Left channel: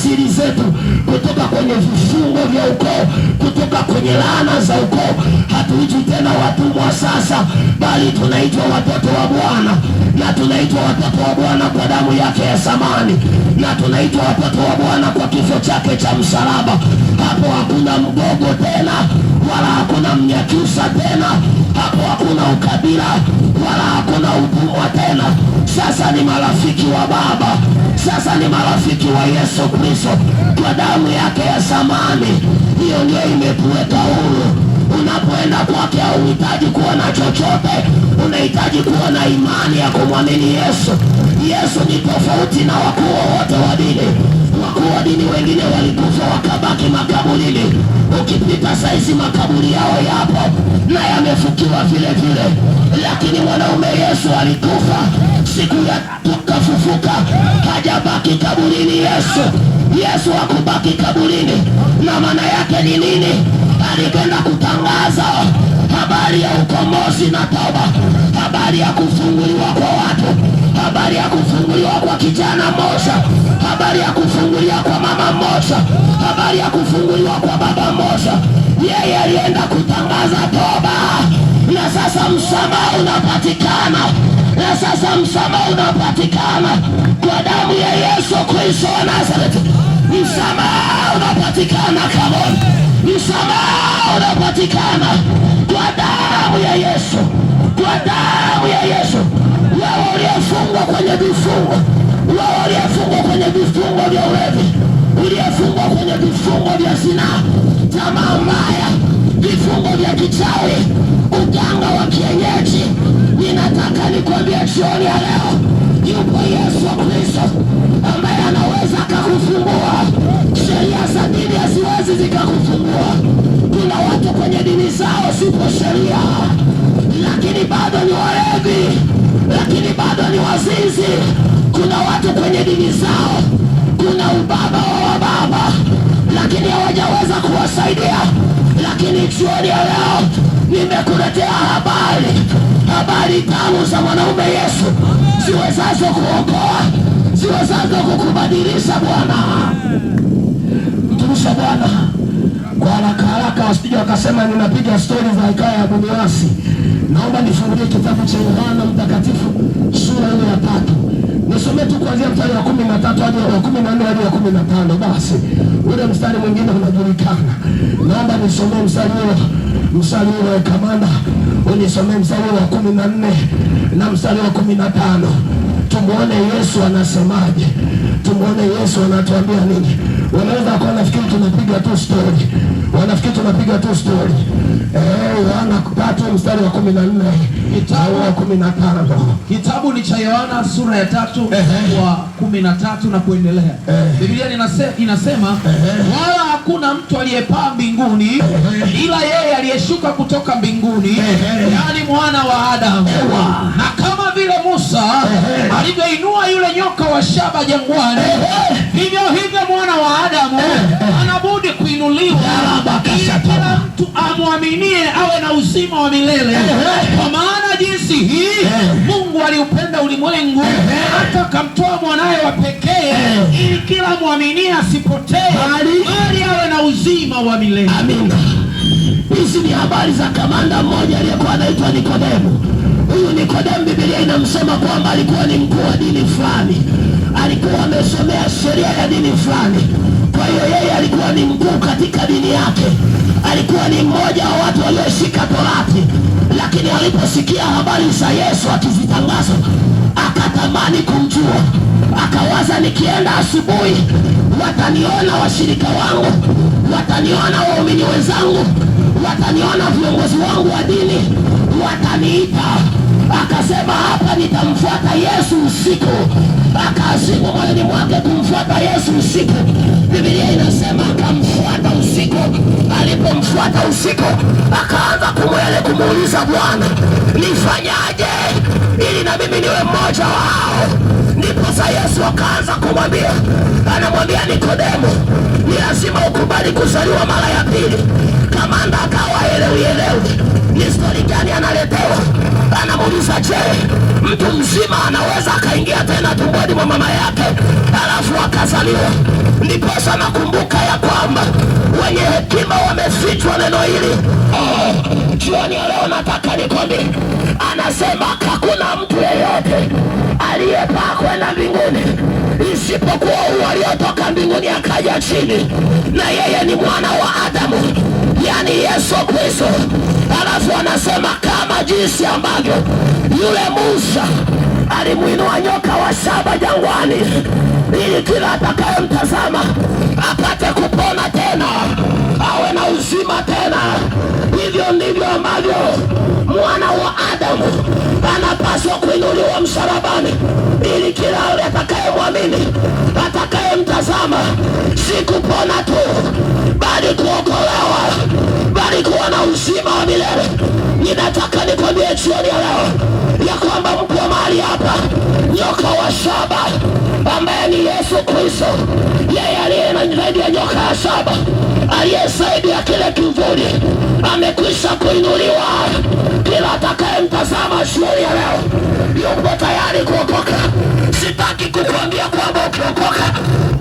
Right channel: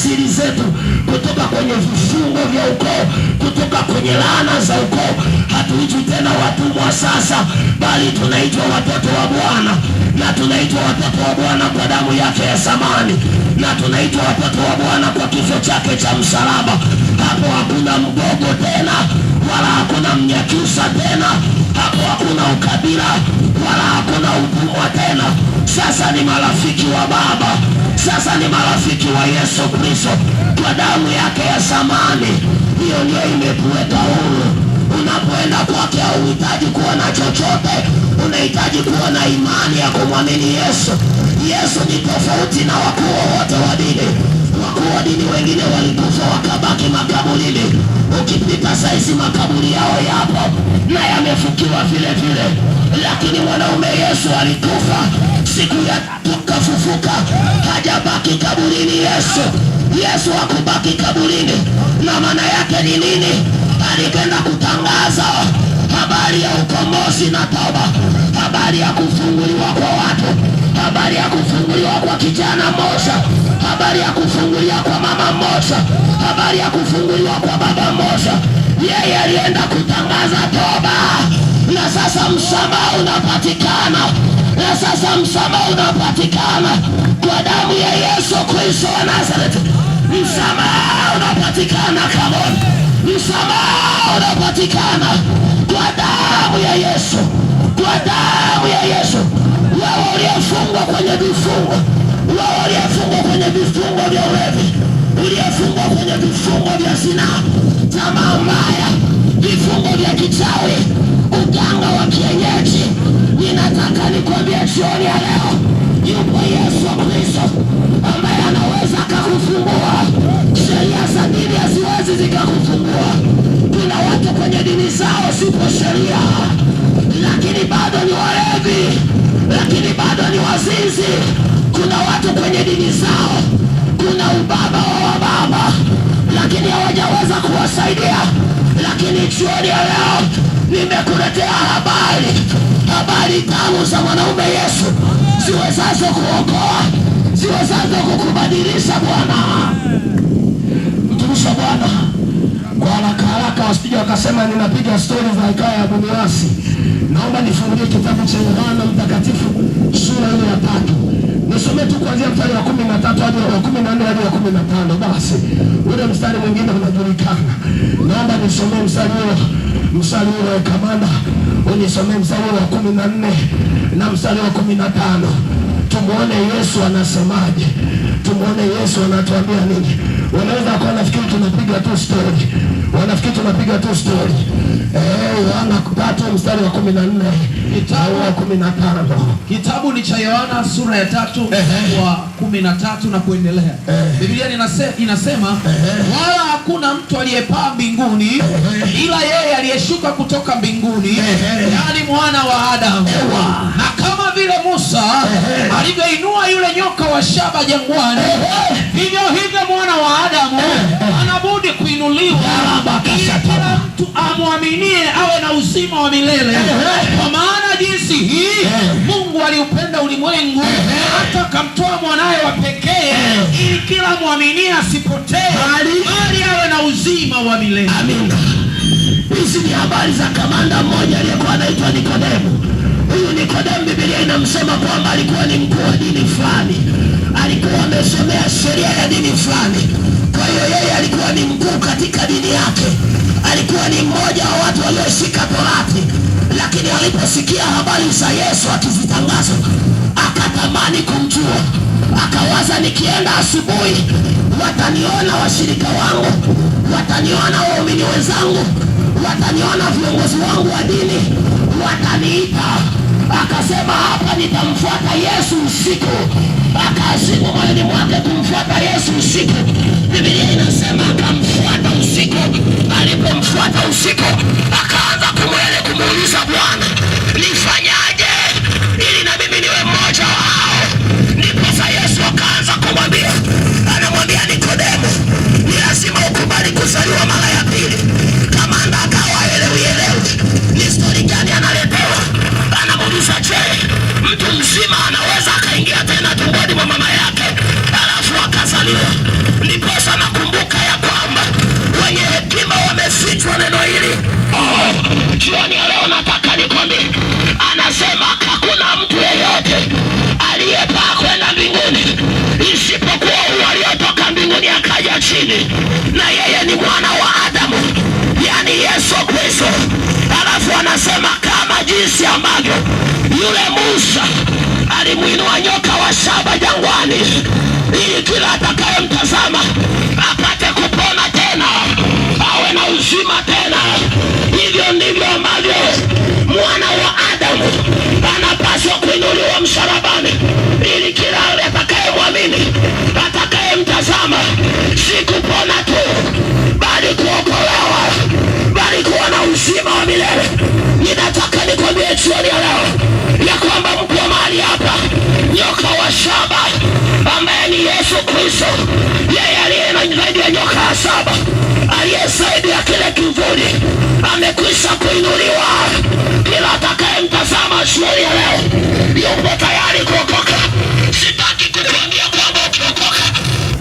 asili zetu, kutoka kwenye vifungo vya ukoo, kutoka kwenye laana za ukoo. Hatuitwi tena watumwa sasa, bali tunaitwa watoto wa Bwana, na tunaitwa watoto wa Bwana kwa damu yake ya thamani, na tunaitwa watoto wa Bwana kwa kifo chake cha msalaba. Hapo hakuna mgogo tena, wala hakuna Mnyakyusa tena. Hapo hakuna ukabila, wala hakuna utumwa tena. Sasa ni marafiki wa Baba, sasa ni marafiki wa Yesu Kristo kwa damu yake ya thamani. Hiyo ndio imetuweka huru. Unapoenda kwake hauhitaji kuwa na chochote, unahitaji kuwa na imani ya kumwamini Yesu. Yesu ni tofauti na wakuu wote wa dini. Wakuu wa dini wengine walikufa wakabaki makaburini. Ukipita saizi makaburi yao yapo na yamefukiwa vile vile, lakini mwanaume Yesu alikufa, siku ya tatu kafufuka, hajabaki kaburini. Yesu hakubaki kaburini. Na maana yake ni nini? Alipenda kutangaza habari ya ukombozi na toba, habari ya kufunguliwa kwa watu, habari ya kufunguliwa kwa kijana mmoja, habari ya kufunguliwa kwa mama mmoja, habari ya kufunguliwa kwa baba mmoja. Yeye alienda kutangaza toba, na sasa msamaha unapatikana, na sasa msamaha unapatikana kwa damu ya Yesu Kristo wa Nazareti. Msamaha unapatikana, come on. Msamaha unapatikana kwa damu ya Yesu, kwa damu ya Yesu. Wao waliofungwa kwenye vifungo, wao waliofungwa kwenye vifungo vya ulevi, waliofungwa kwenye vifungo vya zinaa, tamaa mbaya, vifungo vya kichawi, uganga wa kienyeji, ninataka nikwambie jioni ya leo, yupo Yesu Kristo ambaye anaweza akakufungua. Sheria za dini haziwezi zikakufungua. Kuna watu kwenye dini zao sipo sheria, lakini bado ni walevi, lakini bado ni wazinzi. Kuna watu kwenye dini zao kuna ubaba wa baba, lakini hawajaweza kuwasaidia. Lakini jioni ya leo nimekuletea habari tamu za mwanaume Yesu, ziwezazo kuokoa, ziwezazo kukubadilisha. Bwana mtumisha Bwana kwa haraka haraka, wasije wakasema ninapiga stori za hekaya ya Buniwasi. Naomba nifungulie kitabu cha Yohana Mtakatifu sura ile ya 3. Nisome tu kuanzia mstari wa 13 hadi wa 14 hadi wa 15. Basi ule mstari mwingine unajulikana. Naomba nisomee mstari wa kamanda, unisomee mstari wa 14 na mstari wa 15. Tumuone Yesu anasemaje, tumuone Yesu anatuambia nini. Wanaweza kuwa nafikiri tunapiga tu story, wanafikiri tunapiga tu story. Yohana 3 mstari wa 14 au wa 15. Kitabu ni cha Yohana sura ya 3 wa 13 na kuendelea. Biblia inasema wala hakuna mtu aliyepaa mbinguni ila yeye aliyeshuka kutoka mbinguni, yaani mwana wa Adamu. Na kama vile Musa alivyoinua yule nyoka wa shaba jangwani, hivyo mwana wa Adamu anabudi kuinuliwa, ili kila mtu amwaminie awe na uzima wa milele. Kwa maana jinsi hii Mungu aliupenda ulimwengu hata akamtoa mwanawe wa pekee, ili kila mwaminie asipotee, bali awe na uzima wa milele. Amina. Hizi ni habari za kamanda mmoja aliyekuwa anaitwa Nikodemo. Huyu Nikodemo, Biblia inamsema kwamba alikuwa ni mkuu wa dini fulani, alikuwa amesomea sheria ya dini fulani. Kwa hiyo yeye alikuwa ni mkuu katika dini yake, alikuwa ni mmoja wa watu walioshika Torati. Lakini aliposikia habari za Yesu akizitangaza, akatamani kumjua. Akawaza, nikienda asubuhi wataniona washirika wangu, wataniona waumini wenzangu, wataniona viongozi wangu wa dini, wataniita. Akasema, hapa nitamfuata Yesu usiku. Akaazimia moyoni mwake kumfuata Yesu usiku. Biblia inasema akamfuata usiku. Alipomfuata usiku, akaanza kumuuliza Bwana, nifanyaje ili na mimi niwe mmoja wao? Ndipo Yesu akaanza kumwambia, anamwambia Nikodemo, ni lazima ukubali kuzaliwa mara ya pili. Kamanda akawa elewi ni story gani analetewa. Nikauliza, je, mtu mzima anaweza akaingia tena tumboni mwa mama yake alafu akazaliwa? Ndiposa nakumbuka ya kwamba wenye hekima wamefichwa neno hili. Jioni ya leo nataka nikwambie, anasema hakuna mtu yeyote aliyepaa kwenda mbinguni isipokuwa huyo aliyotoka mbinguni akaja chini, na yeye ni mwana wa Adamu, yani Yesu Kristo. Alafu anasema kama jinsi ambavyo yule Musa alimuinua nyoka wa shaba jangwani ili kila atakayemtazama apate kupona tena, awe na uzima tena, hivyo ndivyo ambavyo mwana wa Adamu anapaswa kuinuliwa msalabani ili kila atakayemwamini, atakayemtazama, si kupona tu bali kuokolewa, bali kuwa na uzima wa milele. Ninataka nikwambie jioni ya leo ya kwamba mko mahali hapa, nyoka wa shaba ambaye ni Yesu Kristo, yeye aliye na zaidi ya nyoka wa shaba, aliye zaidi ya kile kivuli, amekwisha kuinuliwa. Kila atakayemtazama jioni ya leo yuko tayari kuokoka. Sitaki kukuambia kwamba ukiokoka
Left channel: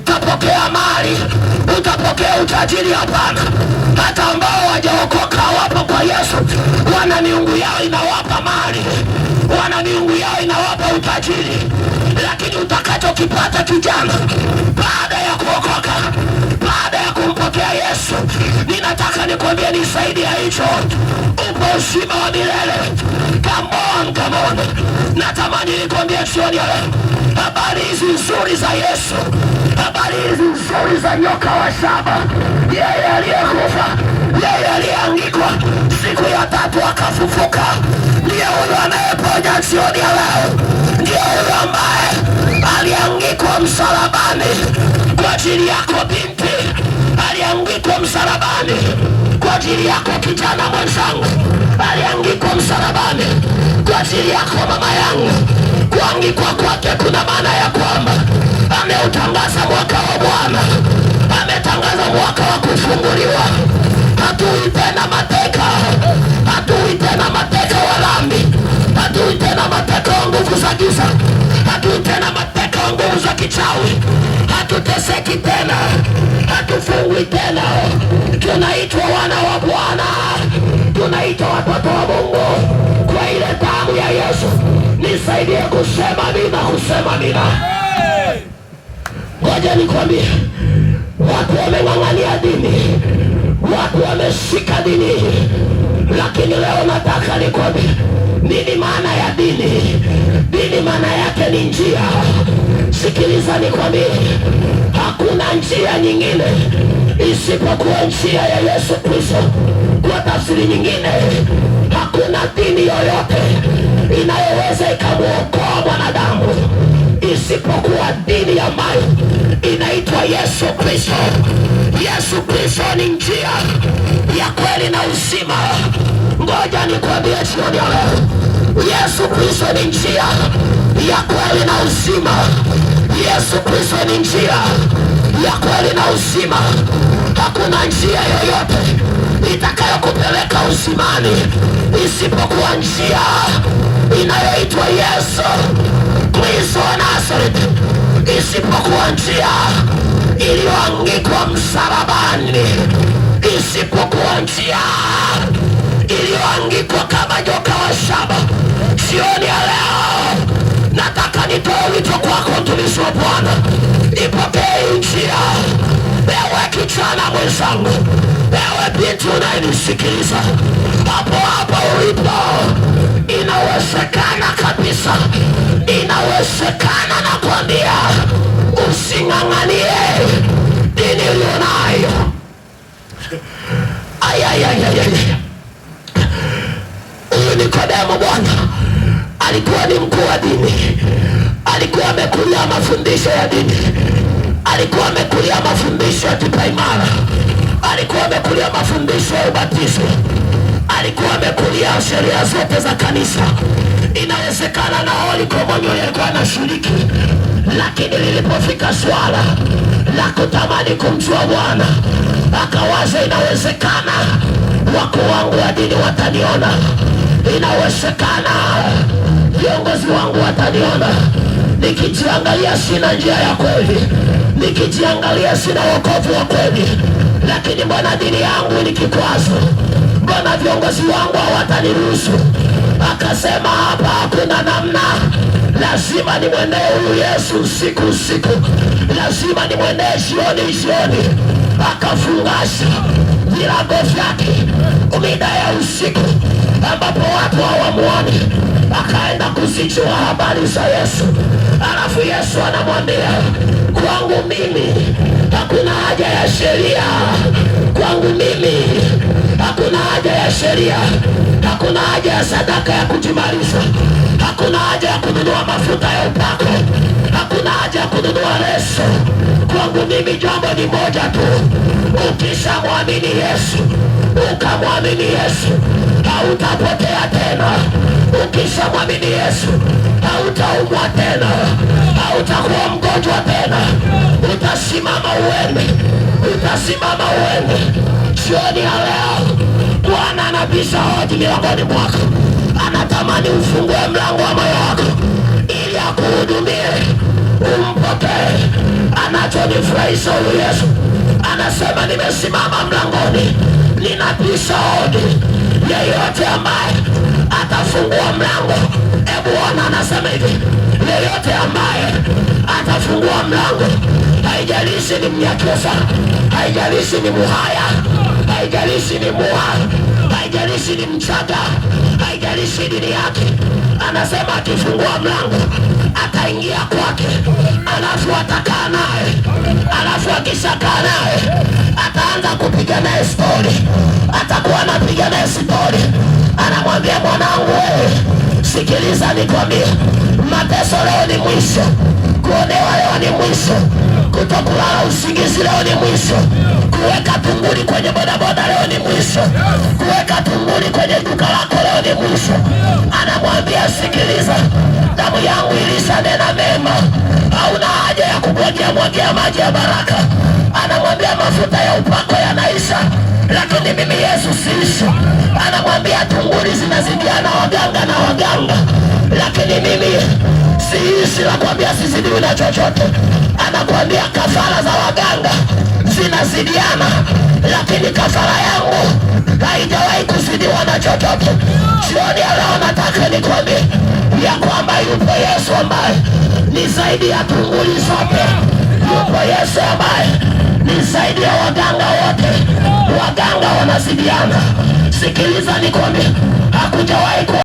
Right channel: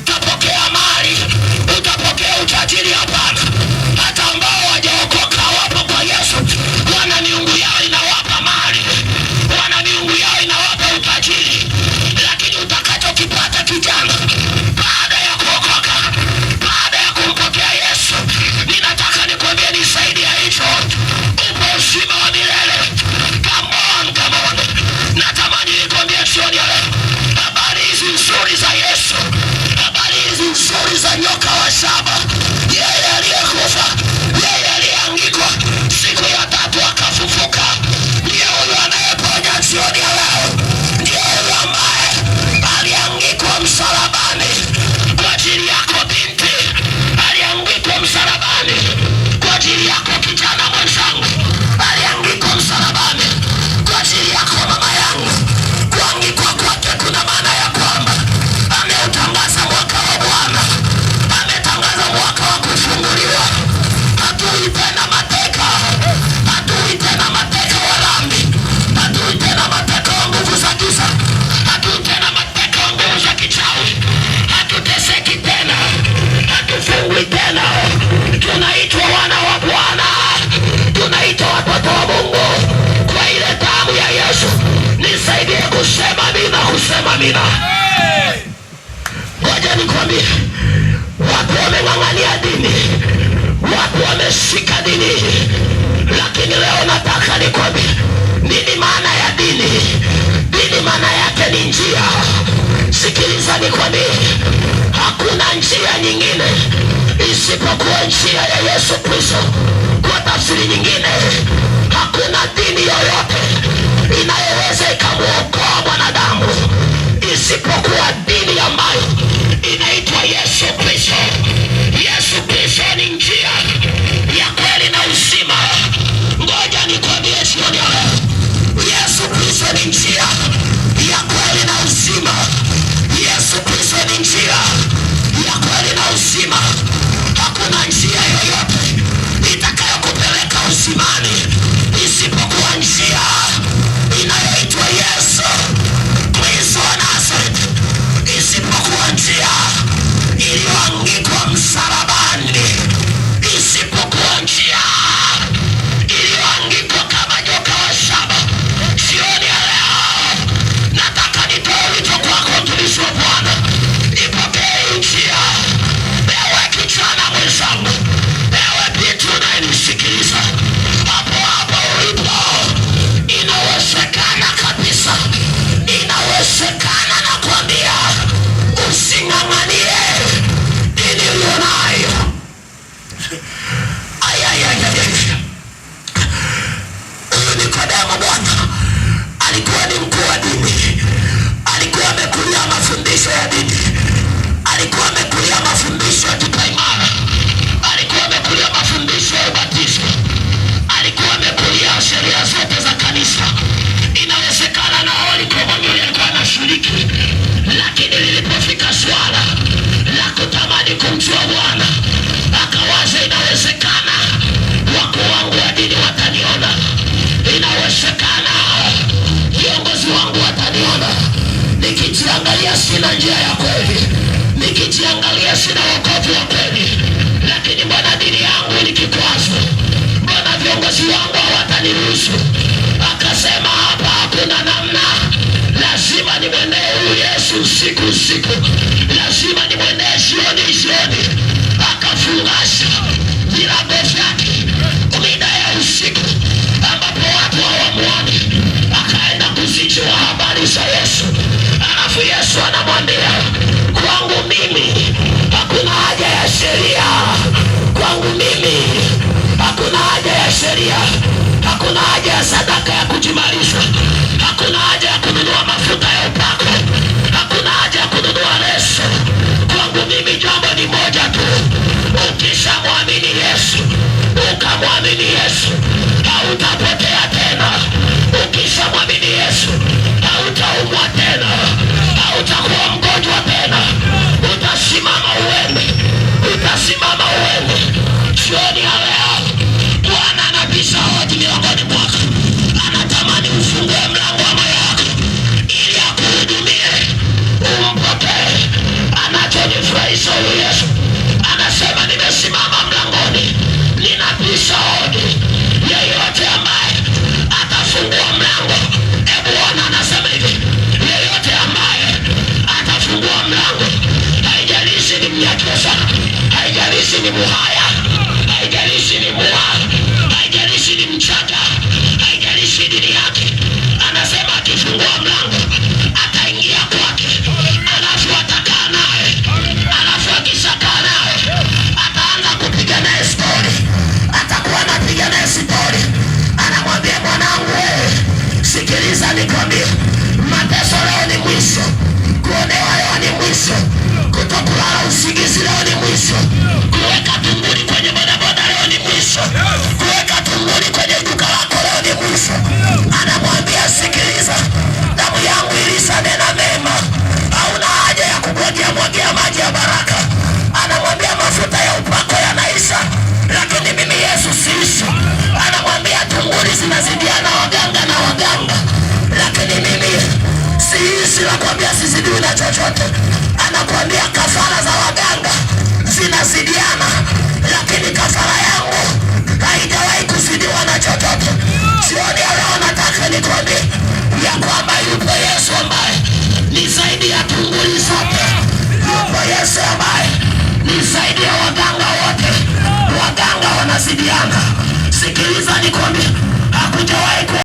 utapokea mali, utapokea utajiri. Hapana, hata ambao hawajaokoka wapo kwa Yesu, wana miungu yao inawapa mali, wana miungu yao inawapa utajiri. Lakini utakachokipata kijana baada ya kuokoka, baada ya kumpokea Yesu, ninataka nikwambie ni zaidi ya hicho. Upo uzima wa milele. Come on. Natamani nikwambie jioni ya leo habari hizi nzuri za Yesu, habari hizi nzuri za nyoka wa shaba, yeye aliyekufa, yeye aliyeangikwa, siku ya tatu akafufuka. Ndiye huyo anayeponya jioni ya leo, ndiye huyo ambaye aliangikwa msalabani kwa ajili yako binti, aliangikwa msalabani kwa ajili yako kijana mwenzangu, aliangikwa msalabani kwa ajili yako mama yangu. Kuangikwa kwake kuna maana ya kwamba ameutangaza mwaka wa Bwana, ametangaza mwaka wa kufunguliwa. Hatui tena mateka, hatui tena mateka wa dhambi, hatui tena mateka wa nguvu za giza, hatui tena mateka wa nguvu za kichawi, hatuteseki tena, hatufungwi tena. Tunaitwa wana wa Bwana, tunaitwa watoto wa Mungu kwa ile damu ya Yesu. Nisaidie kusema amina, kusema amina. Ngoja nikwambie, watu wameng'ang'ania dini, watu wameshika dini, lakini leo nataka nikwambie nini maana ya dini. Dini maana yake ni njia. Sikiliza nikwambie, hakuna njia nyingine isipokuwa njia ya Yesu Kristo. Kwa tafsiri nyingine, hakuna dini yoyote inayoweza ikamuokoa mwanadamu isipokuwa dini ambayo inaitwa Yesu Kristo. Yesu Kristo ni njia ya kweli na uzima. Ngoja nikwambie jioni ya leo, Yesu Kristo ni njia ya kweli na uzima. Yesu Kristo ni njia ya kweli na uzima. Hakuna njia yoyote itakayokupeleka uzimani isipokuwa njia inayoitwa Yesu Kristo wa Nazareti, isipokuwa njia iliyoangikwa msalabani, isipokuwa njia iliyoangikwa kama nyoka wa shaba. Jioni ya leo nataka nitoe wito kwako, mtumishi wa Bwana, ipokee njia. Ewe kijana mwenzangu, ewe binti unayenisikiliza, hapo hapo ulipo, inawezekana kabisa, inawezekana. Nakwambia using'ang'anie dini ulionayo. Huyu Nikodemo bwana alikuwa ni mkuu wa dini, alikuwa amekulia mafundisho ya dini, alikuwa amekulia mafundisho ya kipaimara, alikuwa amekulia mafundisho ya ubatizo, alikuwa amekulia sheria zote za kanisa. Inawezekana na Holy Communion alikuwa anashiriki, lakini lilipofika swala la kutamani kumjua Bwana, akawaza inawezekana wakuu wangu wa dini wataniona, Inawezekana viongozi wangu wataniona nikijiangalia sina njia ya kweli, nikijiangalia sina wokovu wa kweli, lakini mbona dini yangu ni kikwazo? Mbona viongozi wangu hawataniruhusu? Akasema hapa hakuna namna, lazima nimwendee huyu Yesu usiku, lazima nimwendee jioni. Akafungasha virago vyake mida ya usiku ambapo watu hawamuoni, akaenda kuzijua habari za Yesu. Alafu Yesu anamwambia, kwangu mimi hakuna haja ya sheria, kwangu mimi hakuna haja ya sheria, hakuna haja ya sadaka ya kujimarisha, hakuna haja ya kununua mafuta ya upako, hakuna haja ya kununua leso. Kwangu mimi jambo ni moja tu, ukishamwamini Yesu, ukamwamini Yesu, hautapotea tena. Ukishamwamini Yesu, hautaumwa tena, hautakuwa mgonjwa tena, utasimama uende. Jioni ya leo Bwana anabisha hodi miongoni mwako, anatamani ufungue mlango wa moyo wako ili akuhudumie, umpokee. Anachonifurahisha huyu Yesu, anasema nimesimama mlangoni, ninabisha hodi. Yeyote ambaye atafungua mlango, Bwana anasema hivi, yeyote ambaye atafungua mlango, haijalishi ni Mnyakyusa, haijalishi ni Muhaya, haijalishi ni Mua, haijalishi ni Mchaga, haijalishi dini yake, anasema akifungua mlango ataingia kwake, alafu atakaa naye, alafu akishakaa naye ataanza kupiga naye stori, atakuwa anapiga naye stori. Anamwambia, mwanangu wewe, sikiliza nikwambie, mateso leo ni mwisho, kuonewa leo ni mwisho, kutokulala usingizi leo ni mwisho, kuweka tunguli kwenye bodaboda leo ni mwisho, kuweka tunguli kwenye duka lako leo ni mwisho. Anamwambia, sikiliza, damu yangu ilisanena mema, hauna haja ya kumwagia maji ya baraka. Anamwambia, mafuta ya upako yanaisha, lakini mimi Yesu siishi. Anamwambia, tunguli zinazidiana waganga, lakini mimi siishi. Nakwambia sizidiwi na chochote. Anakwambia kafara za waganga zinazidiana, lakini kafara yangu haijawahi kuzidiwa na chochote. Jioni ya leo nataka nikwambie ya kwamba yupo Yesu ambaye ni zaidi ya tunguli zote. Yupo Yesu ambaye ni zaidi ya waganga wote. Waganga wanazidiana. Sikiliza nikwambie, hakujawahi